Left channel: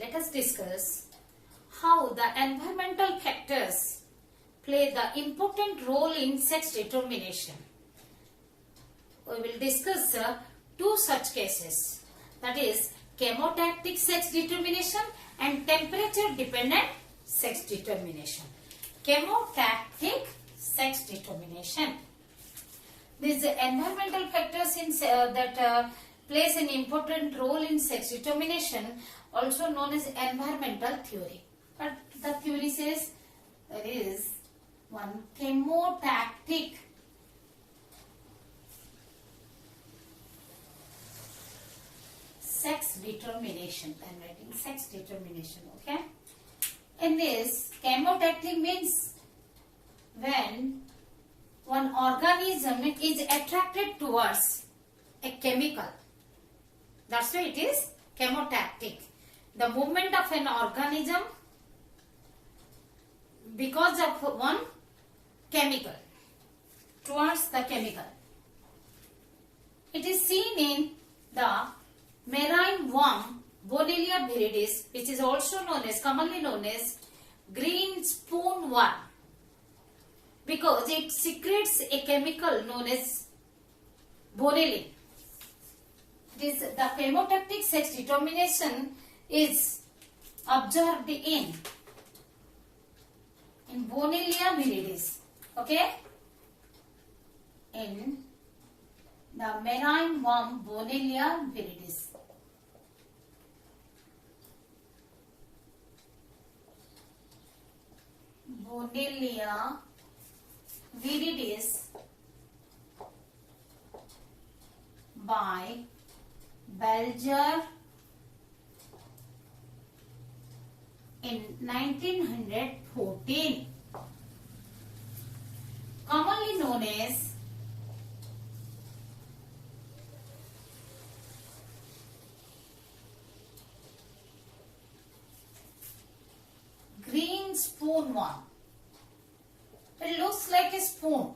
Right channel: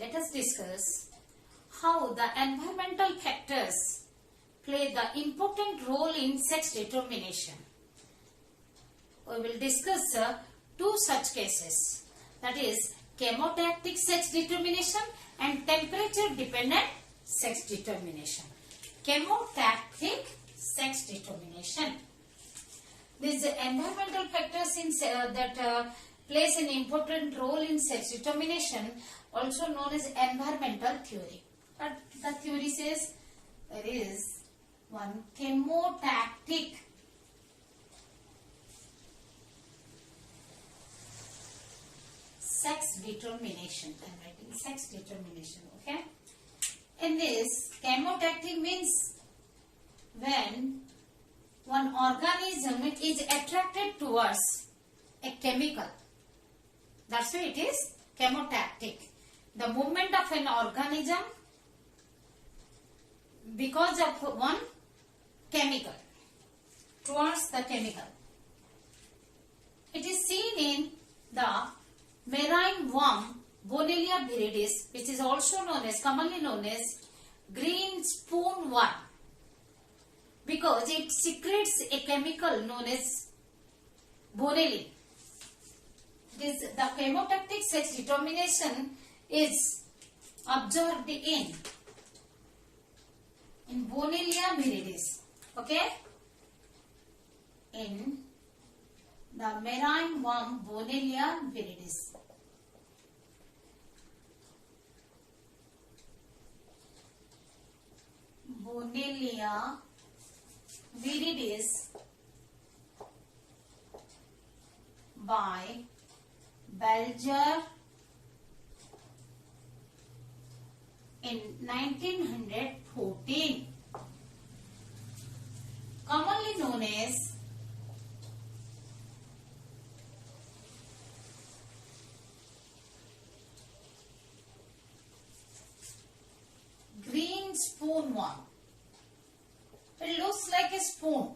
let us discuss how the environmental factors play the important role in sex determination. We will discuss two such cases, that is chemotactic sex determination and temperature dependent sex determination. Chemotactic sex determination. These environmental factors that plays an important role in sex determination, also known as environmental theory. But the theory says there is one chemotactic sex determination. I am writing sex determination, okay? In this, chemotactic means when one organism is attracted towards a chemical. That's why it is chemotactic. The movement of an organism because of one chemical towards the chemical. It is seen in the marine worm Bonellia viridis, which is also commonly known as green spoon worm, because it secretes a chemical known as bonellia. The chemotactic sex determination is observed in Bonellia viridis, okay? In the marine worm Bonellia viridis. Bonellia viridis by Belger in 1914, commonly known as green spoon worm. It looks like a spoon.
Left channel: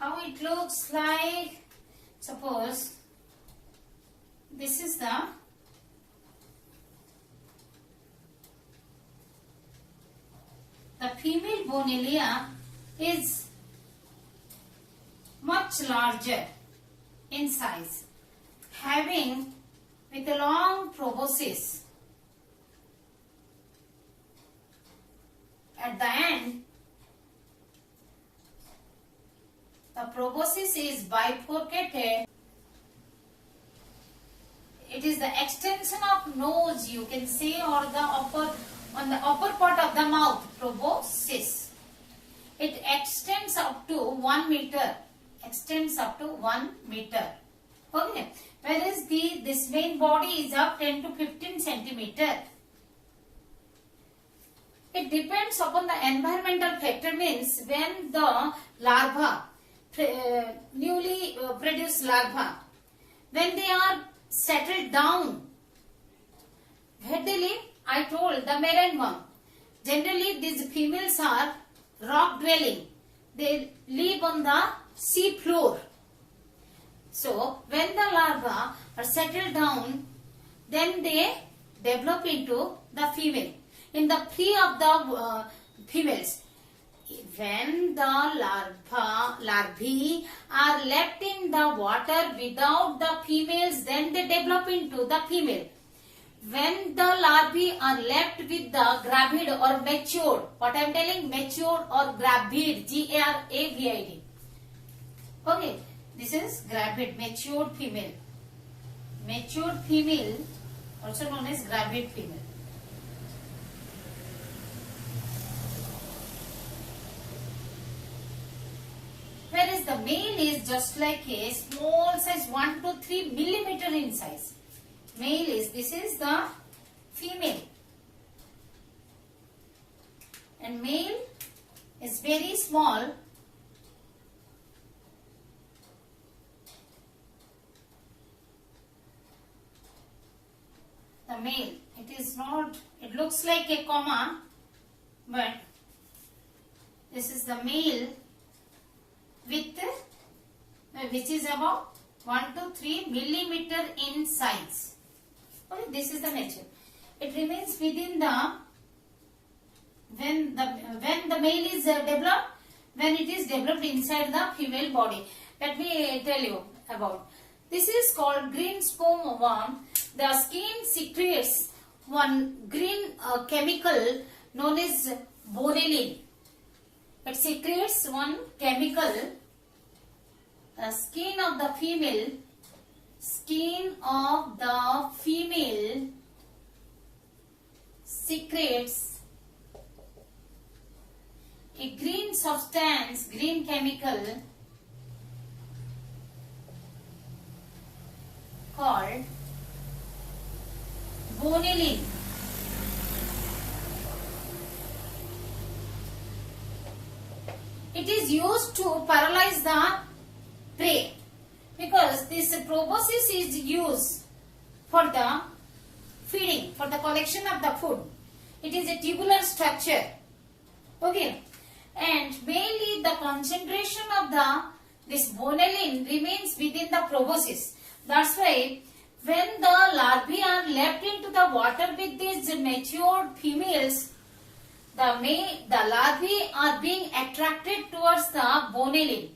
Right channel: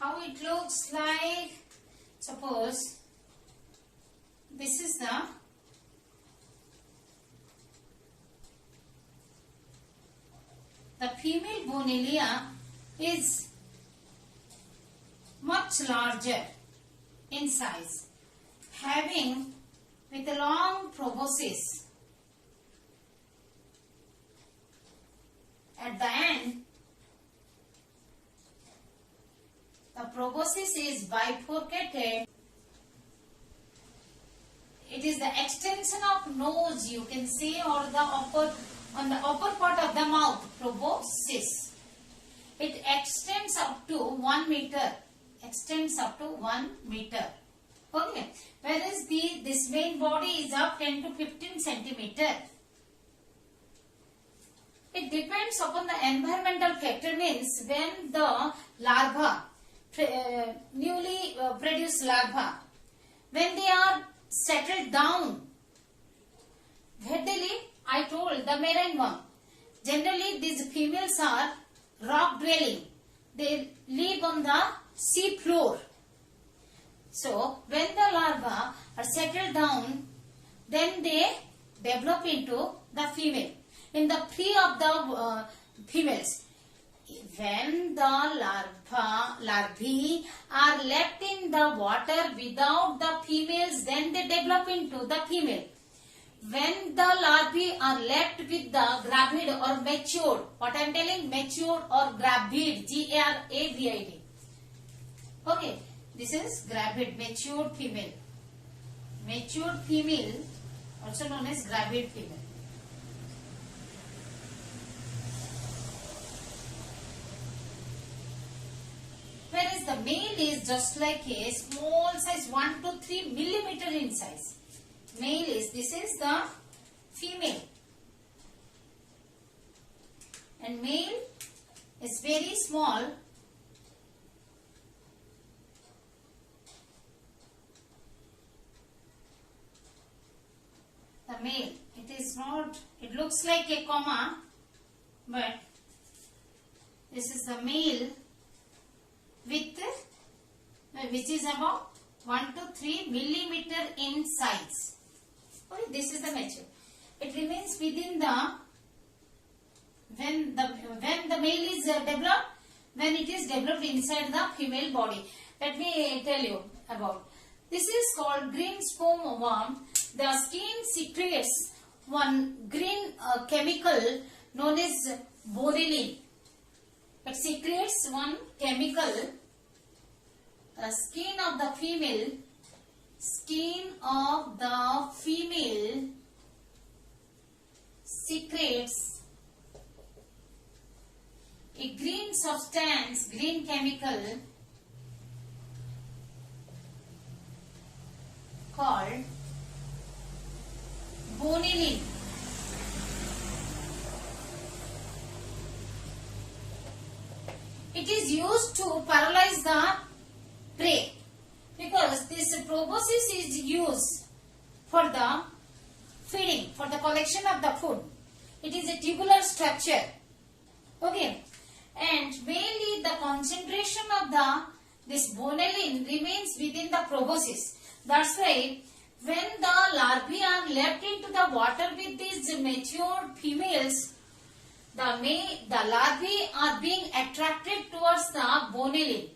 How it looks like, suppose this is the female Bonellia is much larger in size, having with a long proboscis. At the end, the proboscis is bifurcated. It is the extension of nose, you can say, or on the upper part of the mouth, proboscis. It extends up to 1 meter. Extends up to 1 meter. Okay. Whereas this main body is of 10 to 15 centimeter. It depends upon the environmental factor, means when the larva, newly produced larva, when they are settled down, readily, I told the marine worm, generally these females are rock dwelling. They live on the sea floor. So, when the larvae are settled down, then they develop into the female. In the pre of the females, when the larvae are left in the water without the females, then they develop into the female. When the larvae are left with the gravid or matured, what I am telling, matured or gravid, G-A-R-A-V-I-D. Okay. This is gravid, matured female. Matured female, also known as gravid female. Whereas the male is just like a small size, 1 to 3 millimeter in size. Male is, this is the female. And male is very small. The male, it is not, it looks like a comma, but this is the male with which is about 1 to 3 millimeter in size. Okay, this is the nature. It remains within the when the male is developed, when it is developed inside the female body. Let me tell you about. This is called green sperm worm. The skin secretes one green chemical known as Bonellia. It secretes one chemical. The skin of the female secretes a green substance, green chemical called Bonellia. It is used to paralyze the prey, because this proboscis is used for the feeding, for the collection of the food. It is a tubular structure. Okay, and mainly the concentration of this Bonellia remains within the proboscis. That's why when the larvae are left into the water with these matured females, the larvae are being attracted towards the Bonellia.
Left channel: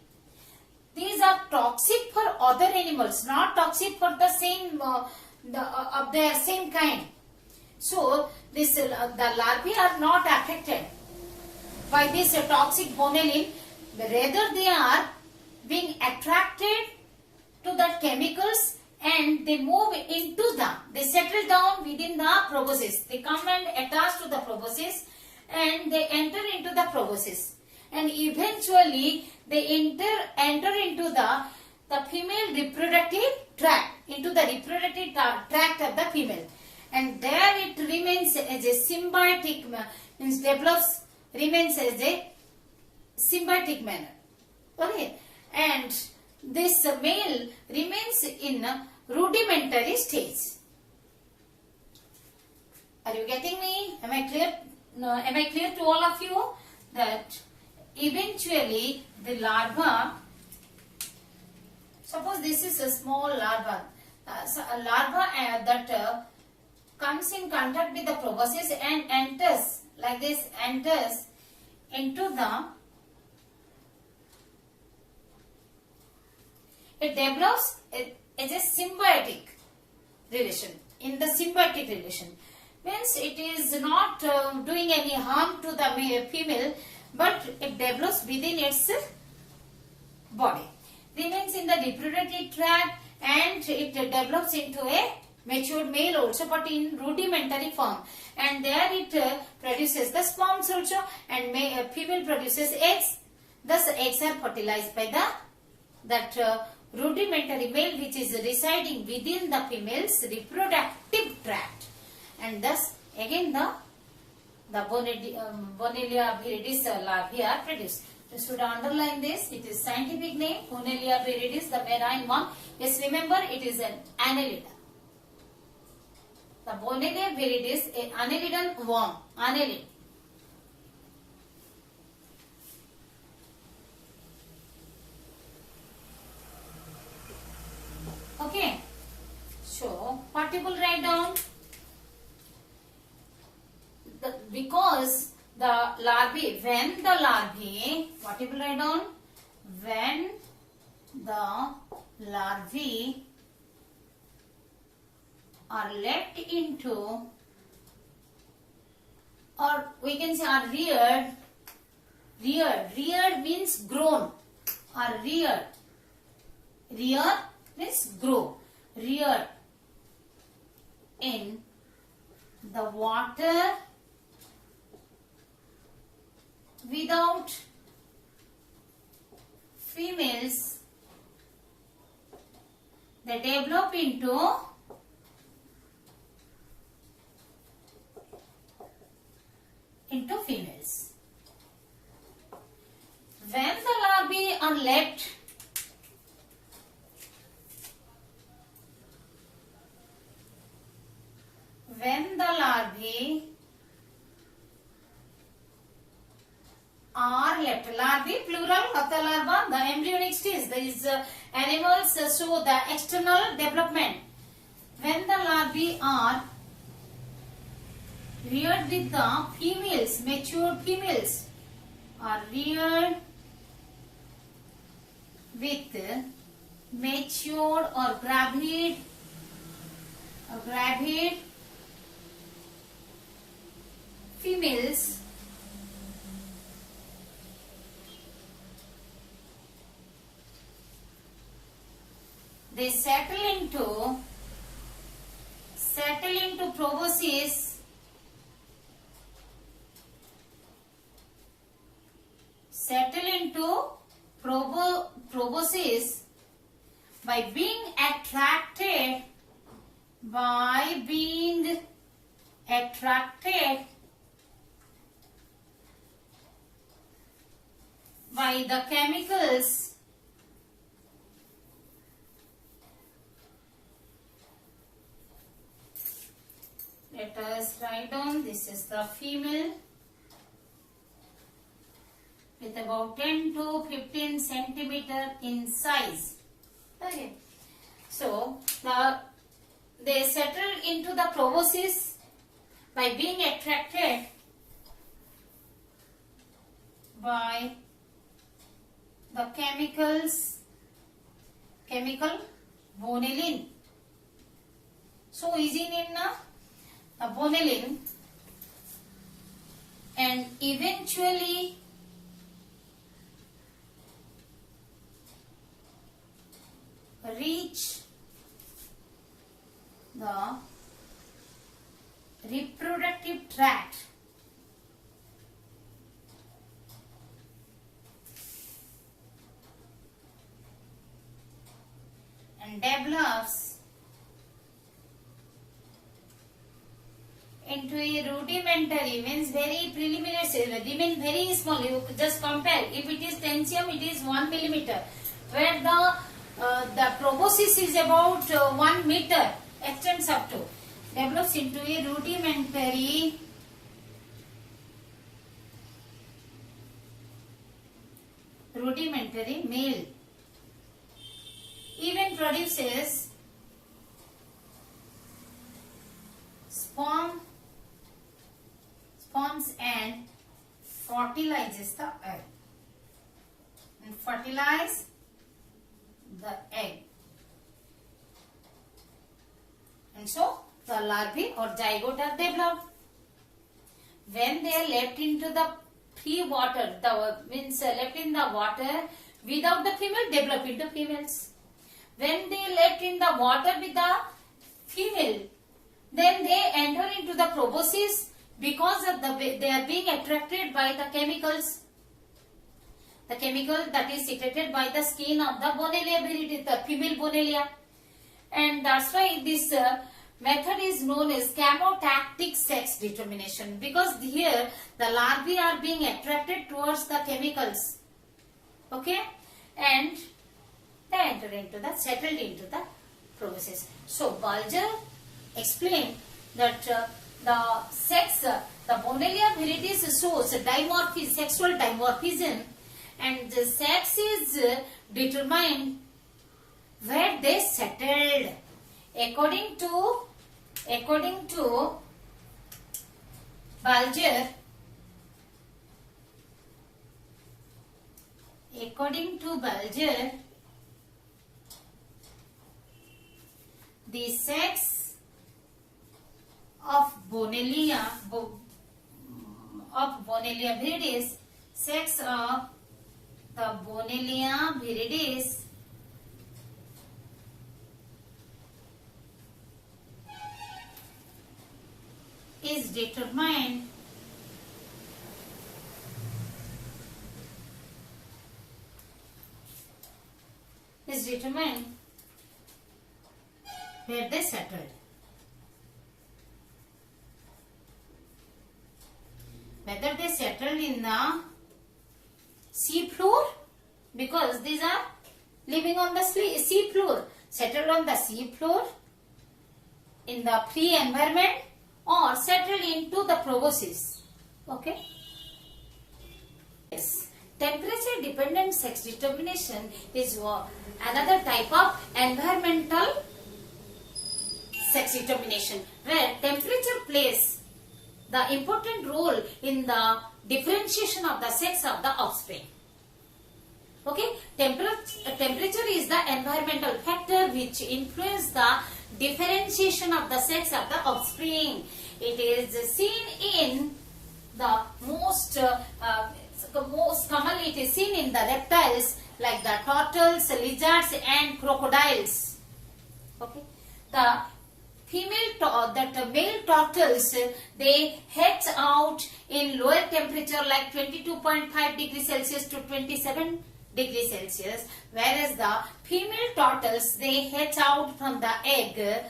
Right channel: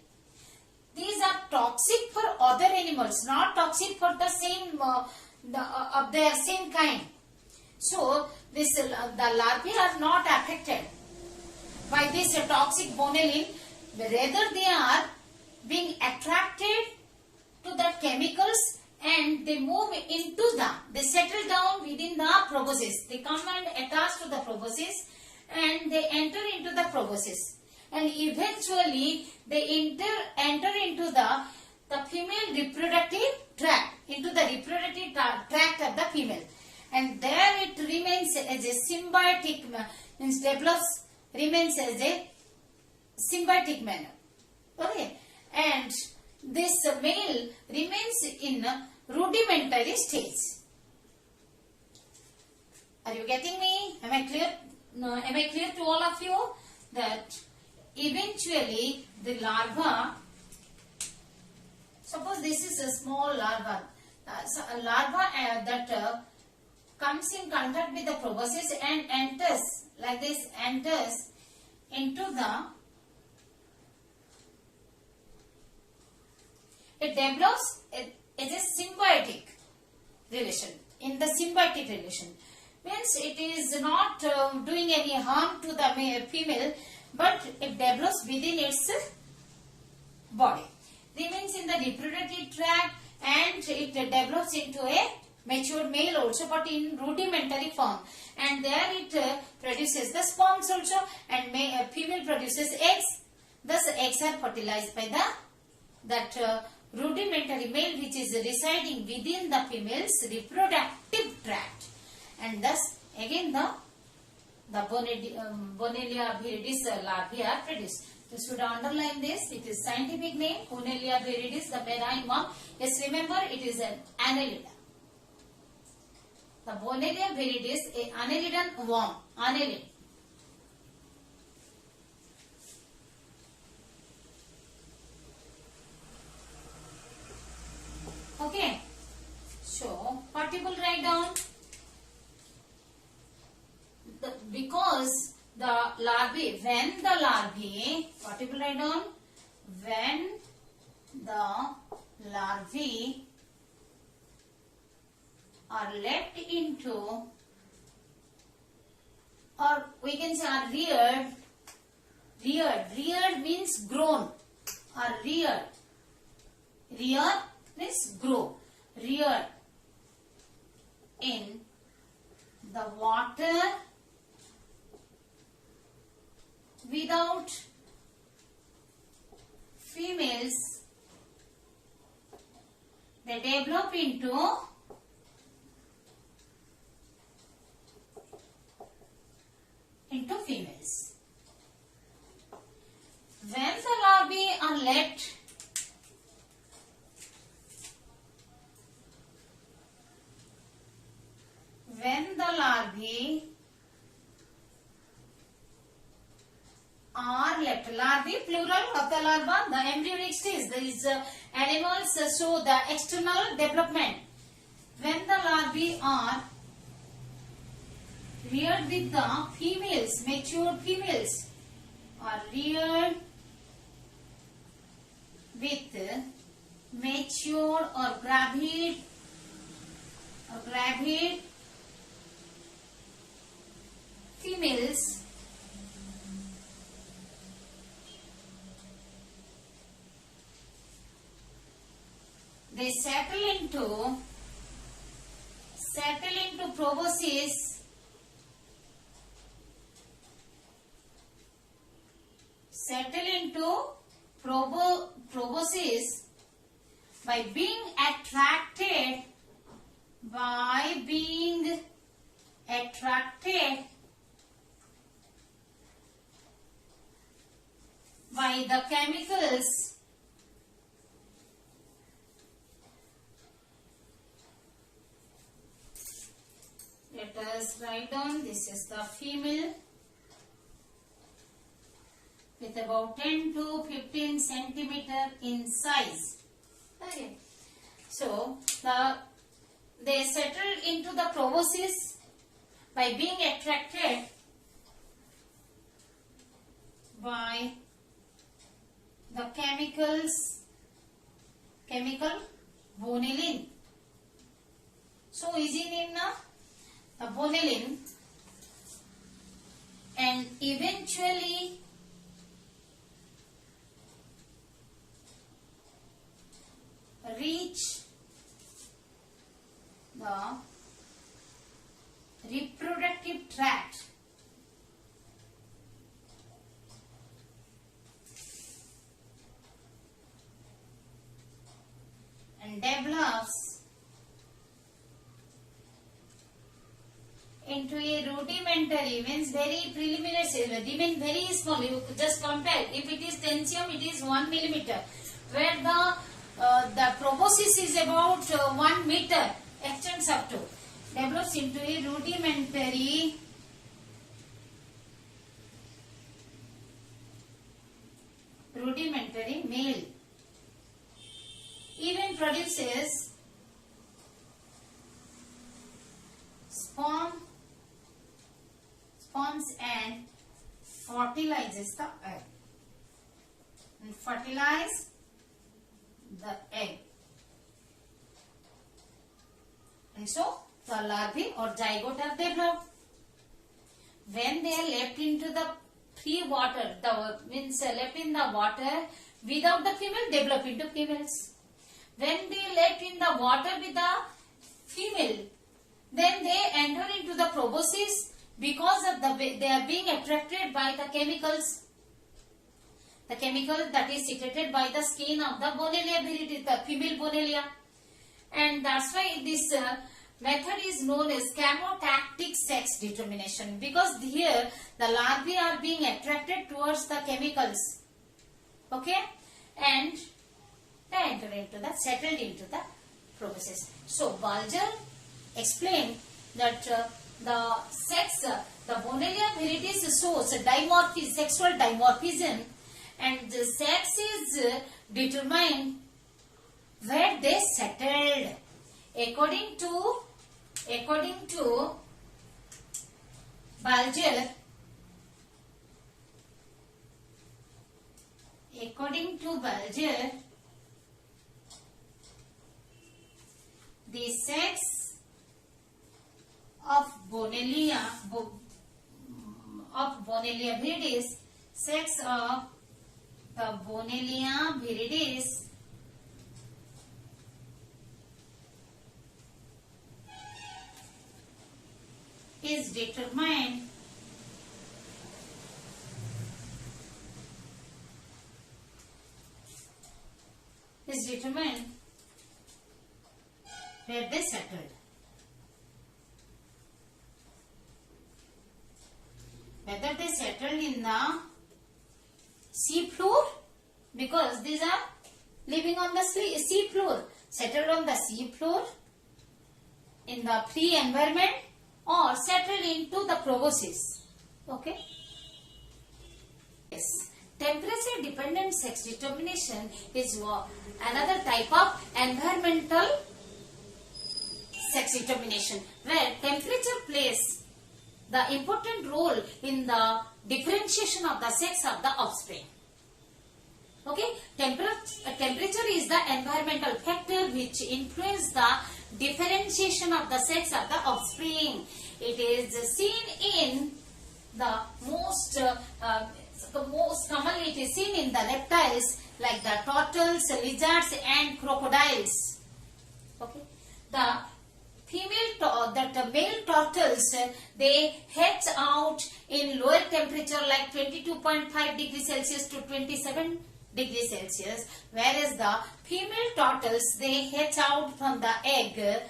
These are toxic for other animals, not toxic for the same of their same kind. So this the larvae are not affected by this toxic Bonellia. Rather, they are being attracted to the chemicals, and they move into they settle down within the proboscis. They come and attach to the proboscis, and they enter into the proboscis, and eventually they enter into the female reproductive tract, into the reproductive tract of the female, and there it remains as a symbiotic, means develops, remains as a symbiotic manner. Okay, and this male remains in a rudimentary stage. Are you getting me? Am I clear? No, am I clear to all of you that eventually the larva, suppose this is a small larva, so a larva that comes in contact with the proboscis and enters like this, enters into it develops as a symbiotic relation. In the symbiotic relation means it is not doing any harm to the female, but it develops within its body, remains in the reproductive tract, and it develops into a matured male also, but in rudimentary form, and there it produces the sperms also, and female produces eggs. Thus eggs are fertilized by that rudimentary male which is residing within the female's reproductive tract, and thus again the Bonellia viridis larvae are produced. You should underline this. It is scientific name Bonellia viridis, the marine worm. Yes, remember it is an annelida. The Bonellia viridis, a annelidan worm, annelid. Okay, so what you will write down? Because the larvae, when the larvae, what you will write down? When the larvae are left into, or we can say are reared means grown, or rear means grow, reared in the water without females, they develop into females. When the larvae are left larvae, plural of the larva, the embryonic stage, there is animals show the external development. When the larvae are reared with the females, mature females are reared with mature or gravid females, they settle into proboscis, proboscis by being attracted by the chemicals let us write down. This is the female with about 10 to 15 centimeter in size. Okay. So they settle into the proboscis by being attracted by the chemical bonelin. So easy name na, the bonelin, and eventually reach the reproductive tract. And develops into a rudimentary, means very preliminary cell, remain very small. You just compare. If it is tensium, it is 1 millimeter, where the proboscis is about 1 meter, extends up to, develops into a rudimentary male. Even produces sperms and fertilizes the egg. And fertilize the egg. And so the larvae or zygote are developed. When they are left into the free water, means left in the water without the female, develop into females. When they left in the water with the female, then they enter into the proboscis because of they are being attracted by the chemicals. The chemical that is secreted by the skin of the Bonellia viridis, the female Bonellia. And that's why this method is known as chemotactic sex determination, because here the larvae are being attracted towards the chemicals. Okay? And they enter settled into the proboscis. So Balger explained that the Bonellia viridis shows sexual dimorphism, and the sex is determined where they settled. According to Balger, the sex of Bonellia viridis, sex of the Bonellia viridis is determined where they settled. Whether they settled in the sea floor, because these are living on the sea floor, settled on the sea floor in the free environment, or settled into the proboscis. Okay. Yes. temperature dependent sex determination is another type of environmental sex determination, where temperature plays the important role in the differentiation of the sex of the offspring. Okay, temperature is the environmental factor which influences the differentiation of the sex of the offspring. It is seen in the most commonly it is seen in the reptiles like the turtles, lizards and crocodiles. Okay, the male turtles, they hatch out in lower temperature like 22.5 degrees Celsius to 27 degrees Celsius, whereas the female turtles, they hatch out from the egg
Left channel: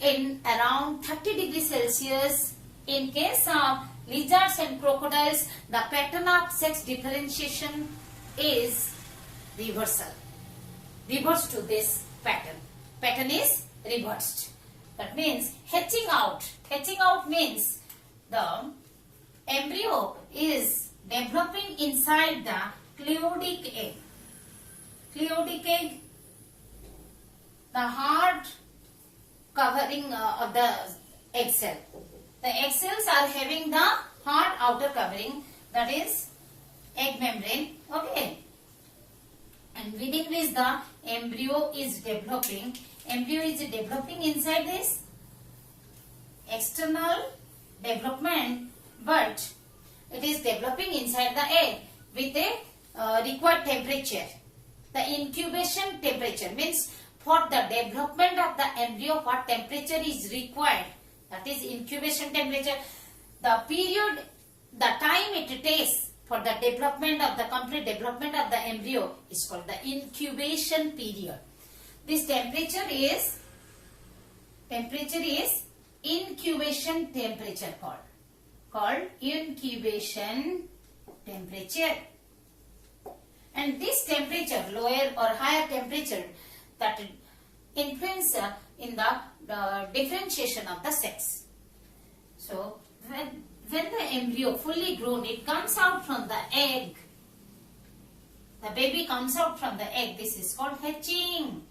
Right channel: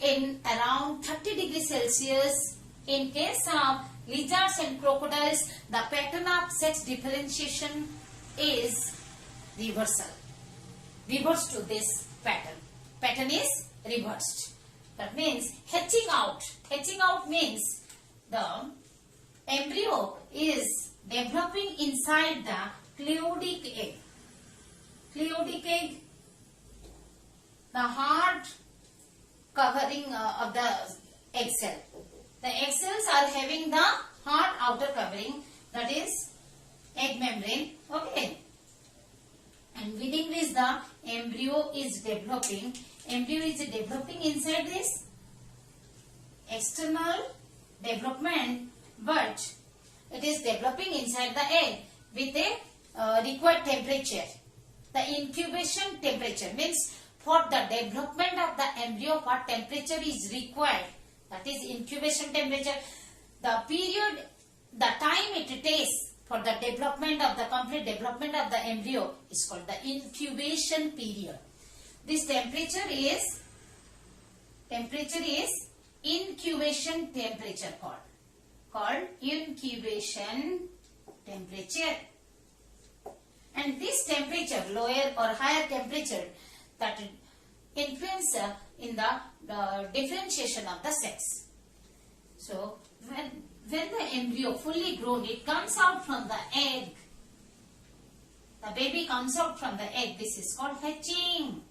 in around 30 degrees Celsius. In case of lizards and crocodiles, the pattern of sex differentiation is reversal. Reverse to this pattern. Pattern is reversed. That means hatching out. Hatching out means the embryo is developing inside the cleodic egg. Cleodic egg, the hard covering of the egg cell. The egg cells are having the hard outer covering, that is egg membrane. Okay. And within this the embryo is developing. Embryo is developing inside this external development, but it is developing inside the egg with a required temperature. The incubation temperature means for the development of the embryo what temperature is required, that is incubation temperature. The period, the time it takes for the development of the complete development of the embryo is called the incubation period. This temperature is incubation temperature called incubation temperature. And this temperature, lower or higher temperature, that influence in the differentiation of the sex. So when the embryo fully grown, it comes out from the egg. The baby comes out from the egg. This is called hatching.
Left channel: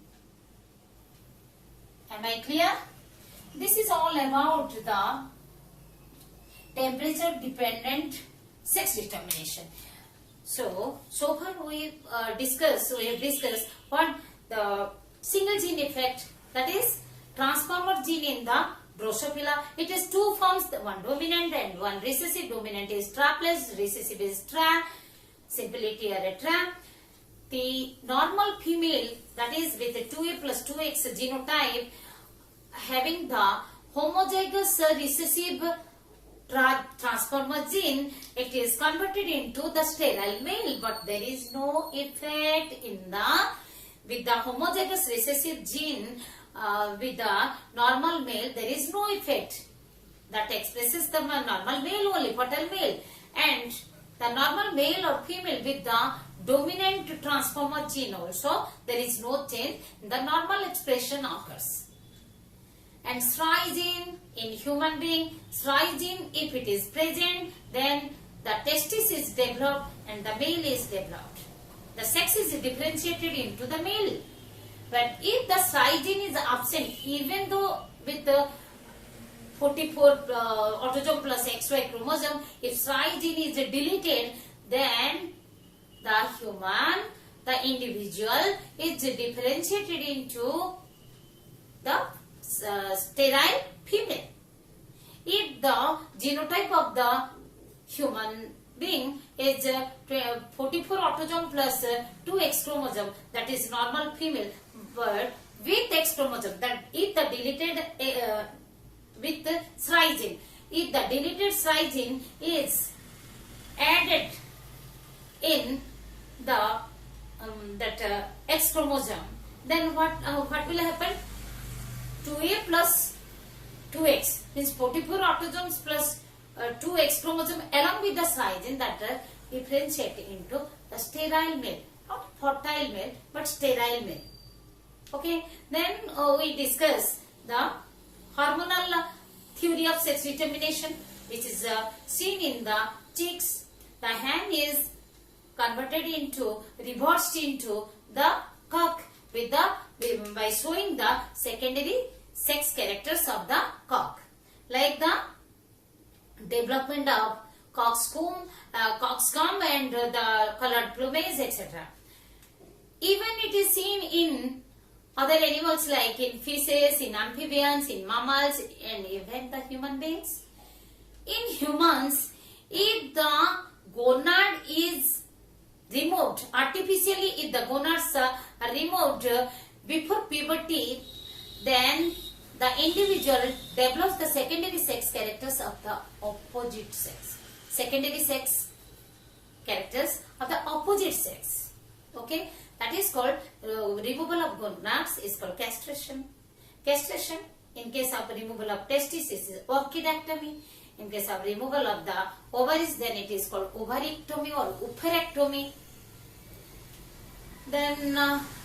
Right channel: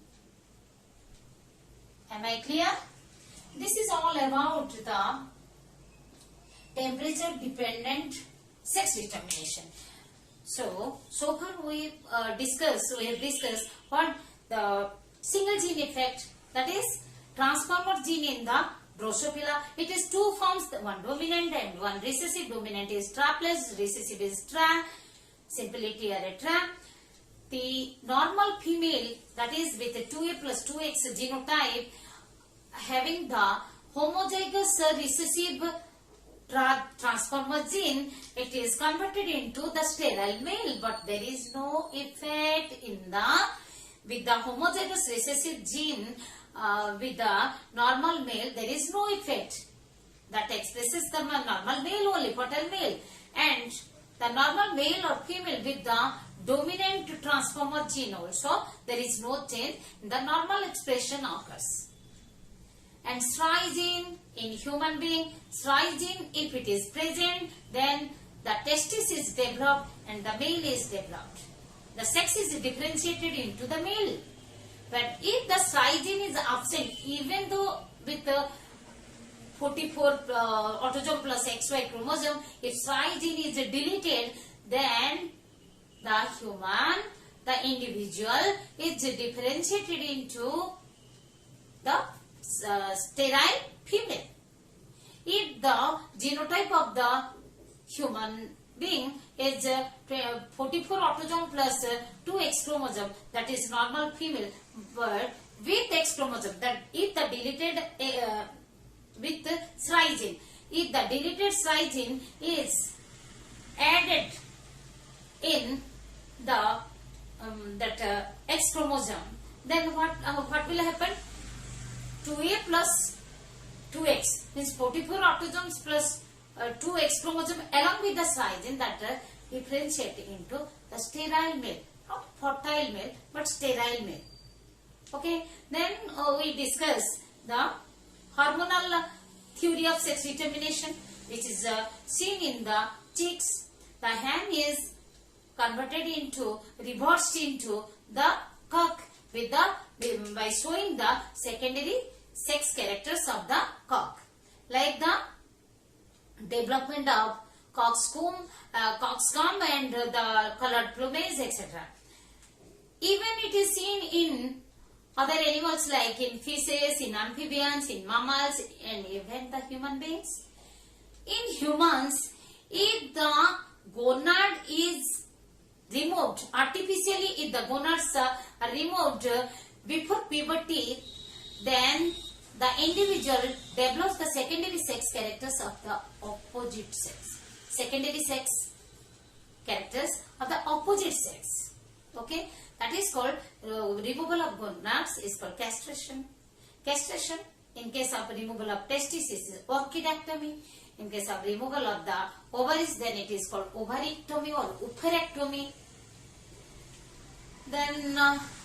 Am I clear? This is all about the temperature dependent sex determination. So far we have discussed what the single gene effect, that is transformer gene in the Drosophila. It is two forms, one dominant and one recessive. Dominant is tra plus recessive is tra, simplicity or tra. The normal female, that is with the 2A plus 2X genotype, having the homozygous recessive transformer gene, it is converted into the sterile male, but there is no effect in with the homozygous recessive gene with the normal male. There is no effect that expresses the normal male only, fertile male, and the normal male or female with the dominant transformer gene also, there is no change. The normal expression occurs. And SRY gene in human being, SRY gene, if it is present, then the testis is developed and the male is developed. The sex is differentiated into the male. But if the SRY gene is absent, even though with the 44 autosome plus XY chromosome, if SRY gene is deleted, then the individual is differentiated into the sterile female. If the genotype of the human being is 44 autosome plus 2X chromosome, that is normal female, but with X chromosome, that if the deleted with the SRY gene, if the deleted SRY gene is added in the X chromosome, then what will happen? 2A plus 2X means 44 autosomes plus 2X chromosome along with the SRY gene that differentiate into the sterile male, not fertile male but sterile male. Okay, then we discuss the hormonal theory of sex determination, which is seen in the chicks. The hen is converted into, reversed into the cock by showing the secondary sex characters of the cock, like the development of coxcomb and the colored plumage, etc. Even it is seen in other animals like in fishes, in amphibians, in mammals, and even the human beings. In humans, if the gonad is removed artificially, if the gonads are removed before puberty, then the individual develops the secondary sex characters of the opposite sex. Secondary sex characters of the opposite sex. Okay, that is called removal of gonads is called castration. Castration in case of removal of testes is orchidectomy. In case of removal of the ovaries, then it is called ovarectomy or oophorectomy. Then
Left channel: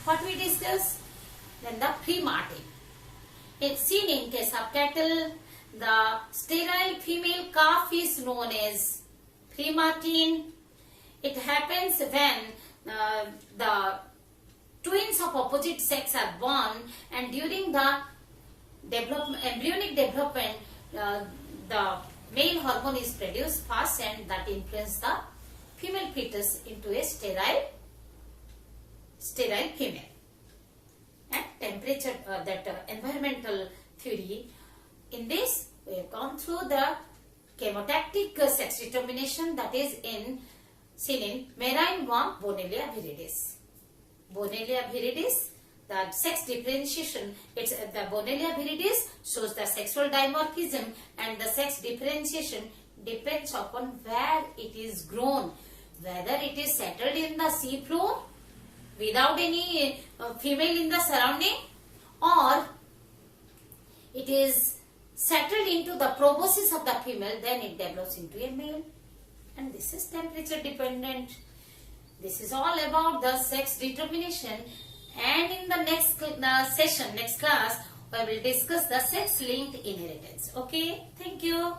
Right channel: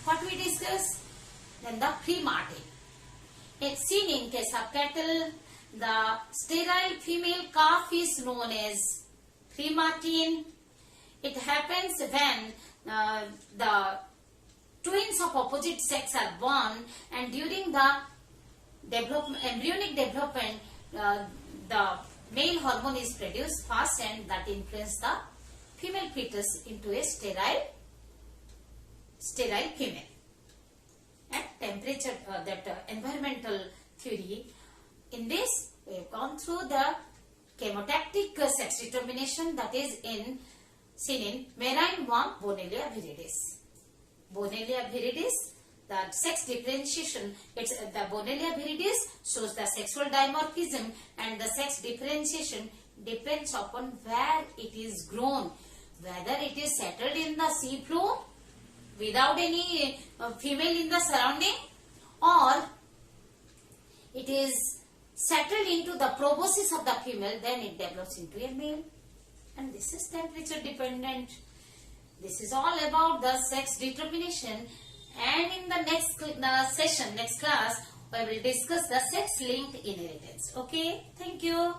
what we discuss? Then the pre-mating. It's seen in case of cattle. The sterile female calf is known as pre-mating. It happens when the twins of opposite sex are born, and during the embryonic development, the male hormone is produced fast, and that influences the female fetus into a sterile female. At temperature, environmental theory, in this we have gone through the chemotactic sex determination, that is seen in marine worm Bonellia viridis. Bonellia viridis, the sex differentiation, the Bonellia viridis shows the sexual dimorphism, and the sex differentiation depends upon where it is grown, whether it is settled in the sea floor without any female in the surrounding, or it is settled into the proboscis of the female, then it develops into a male, and this is temperature dependent. This is all about the sex determination, and in the next class, we will discuss the sex linked inheritance. Okay, thank you.